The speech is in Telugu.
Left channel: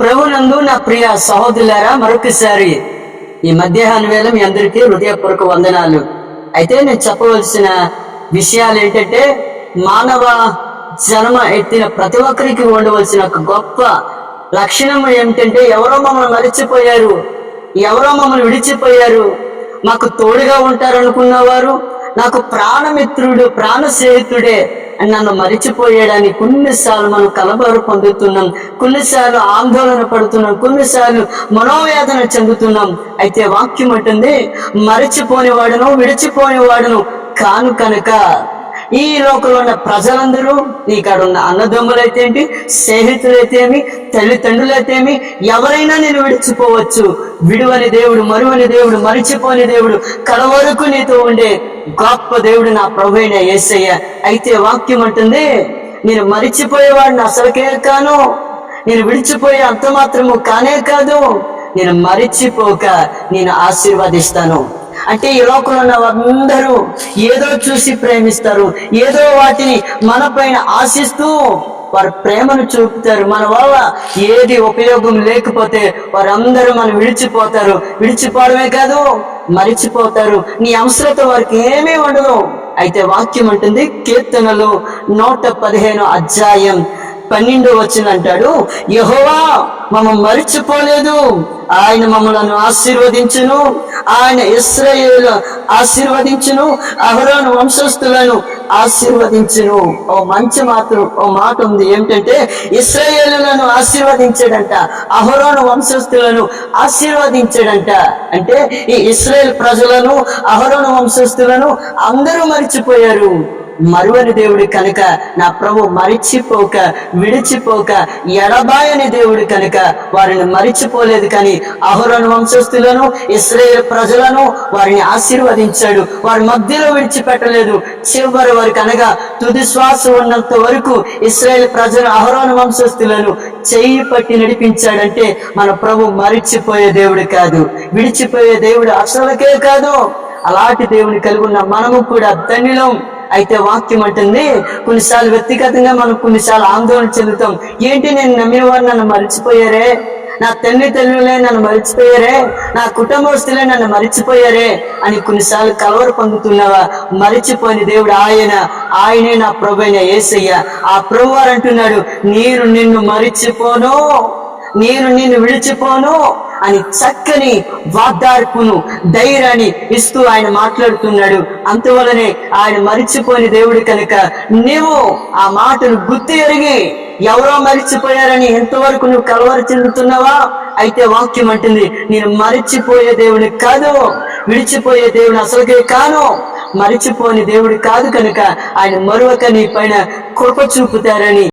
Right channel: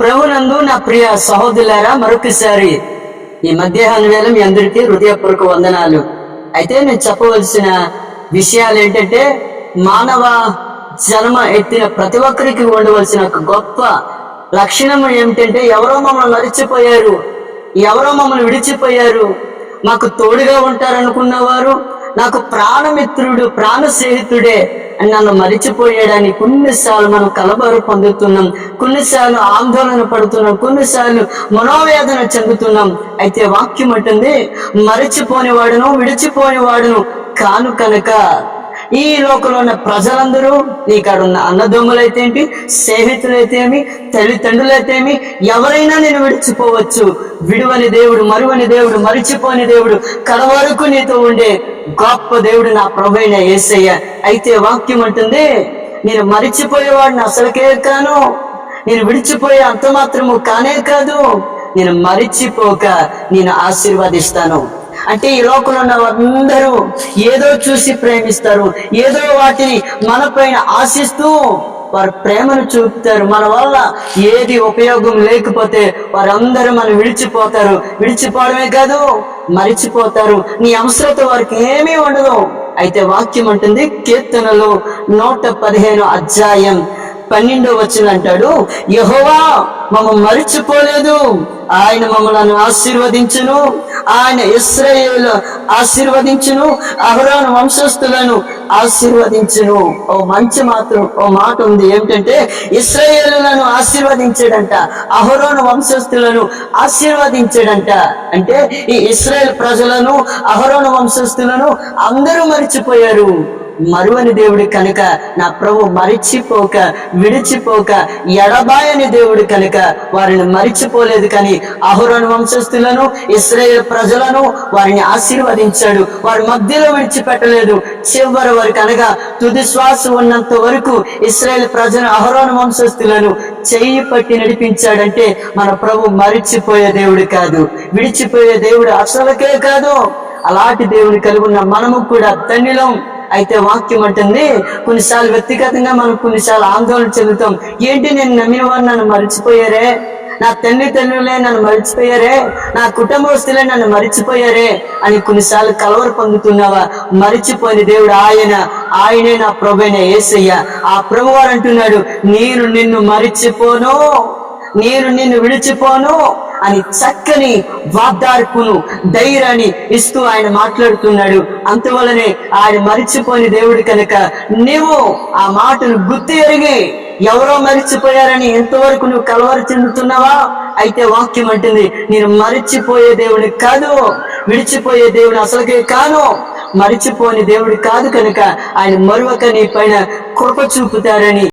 ప్రభునందు నా ప్రియ సహోదరులారా మరొకసారి ఈ మధ్యాహ్న వేళ మీ అందరికీ హృదయపూర్వక వందనాలు. అయితే నేను చెప్పవలసిన విషయాలు ఏంటంటే మానవ జన్మ ఎత్తిన ప్రతి ఒక్కరికి ఉండవలసిన ఒక గొప్ప లక్షణం ఏమిటంటే ఎవరో మమ్మల్ని మరిచిపోయారు ఎవరో మమ్మల్ని విడిచిపోయారు మాకు తోడుగా ఉంటారనుకున్నవారు నాకు ప్రాణమిత్రుడు ప్రాణ స్నేహితుడే నన్ను మరిచిపోయాడని కొన్నిసార్లు మనం కలబరు పొందుతున్నాం. కొన్నిసార్లు ఆందోళన పడుతున్నాం. కొన్నిసార్లు మనోవేదన చెందుతున్నాం. అయితే వాక్యం అంటుంది మరిచిపోని వాడును విడిచిపోని వాడును కాను కనుక ఈ లోకంలో ఉన్న ప్రజలందరూ నీకాడ ఉన్న అన్నదమ్ములైతేంటి స్నేహితులైతేమి తల్లిదండ్రులైతేమి ఎవరైనా నేను విడిచిపోవచ్చు. విడువని దేవుడు మరువని దేవుడు మరిచిపోని దేవుడు కడవరకు నీతో ఉండే గొప్ప దేవుడు నా ప్రభైన యేసయ్య అయితే వాక్యం అంటుంది నేను మరిచిపోయేవాడిని అసలుకే కాను నేను విడిచిపోయే అంత మాత్రము కానే కాదు నేను మరిచిపోక నేను ఆశీర్వదిస్తాను. అంటే ఈ లోకంలో ఉన్న అందరూ ఏదో చూసి ప్రేమిస్తారు ఏదో వాటిని మన పైన ఆశిస్తూ వారి ప్రేమను చూపుతారు. మన వల్ల ఏది ఉపయోగం లేకపోతే వారందరూ మనం విడిచిపోతారు. విడిచిపోవడమే కాదు మరిచిపోతారు. నీ అవసరత వారికి ఏమీ ఉండదు. అయితే వాక్యం అంటుంది కీర్తనలు నూట పదిహేను అధ్యాయం పన్నెండో వచ్చిన అంటాడు యహోవా మమ్మ మరిచిపోలేదు. ఆయన మమ్మలను ఆశీర్వదించును. ఆయన ఇస్రాయేలు ఆశీర్వదించును అహరోను వంశస్థులను ఆశీర్వదించును. ఓ మంచి మాత్రం ఓ మాట ఉంది. ఏమిటంటే ఇస్రయేలులను ఆశీర్వదించాడంట అహరోను వంశస్థులను ఆశీర్వదించాడంట. అంటే ఈ ఇస్రాయేల్ ప్రజలను అహరోను వంశస్థులను అందరూ మరిచిపోయారు. మరువని దేవుడు కనుక నా ప్రభు మరిచిపోక విడిచిపోక ఎడబాయని దేవుడు కనుక వారిని మరిచిపోలేదు కానీ అహరోను వంశస్థులను ఇస్రాయేల్ ప్రజలను వారిని ఆశీర్వదించాడు. వారి మధ్యలో విడిచిపెట్టలేదు. చివరి వరకు అనగా తుది శ్వాస ఉన్నంత వరకు ఇస్రాయేల్ ప్రజలు అహరోను వంశస్థులను చెయ్యి పట్టి నడిపించాడంటే మన ప్రభు మరిచిపోయే దేవుడు కాదు. విడిచిపోయే దేవుడు అసలకే కాదు. అలాంటి దేవుని కలిగి ఉన్న మనము కూడా ధన్యులం. అయితే వాక్యం అంటుంది కొన్నిసార్లు వ్యక్తిగతంగా మనం కొన్నిసార్లు ఆందోళన చెందుతాం. ఏంటి నేను నమ్మిన వారు నన్ను మరిచిపోయారే? నా తండ్రి తల్లులే నన్ను మరిచిపోయారే? నా కుటుంబస్తులే నన్ను మరిచిపోయారే? అని కొన్నిసార్లు కలవర పొందుతున్నావా? మరిచిపోయిన దేవుడు ఆయన ఆయనే నా ప్రభు అయిన యేసయ్య ఆ ప్రభువారు అంటున్నాడు నేను నిన్ను మరిచిపోను. నేను నిన్ను విడిచిపోను. అని చక్కని వాగ్దార్పును ధైర్యాన్ని ఇస్తూ ఆయన మాట్లాడుతున్నాడు. అంతవలనే ఆయన మరిచిపోయిన దేవుడు కనుక నీవు ఆ మాటను గుర్తు ఎరిగి ఎవరో మరిచిపోయారని ఎంతవరకు నువ్వు కలవరు చెందుతున్నావా? అయితే వాక్యం అంటుంది నేను మరిచిపోయే దేవుని కాదు విడిచిపోయే దేవుని అసలుకే కాను. మరిచిపోని దేవుడు కాదు కనుక ఆయన మరొక నీ పైన కృప చూపుతారని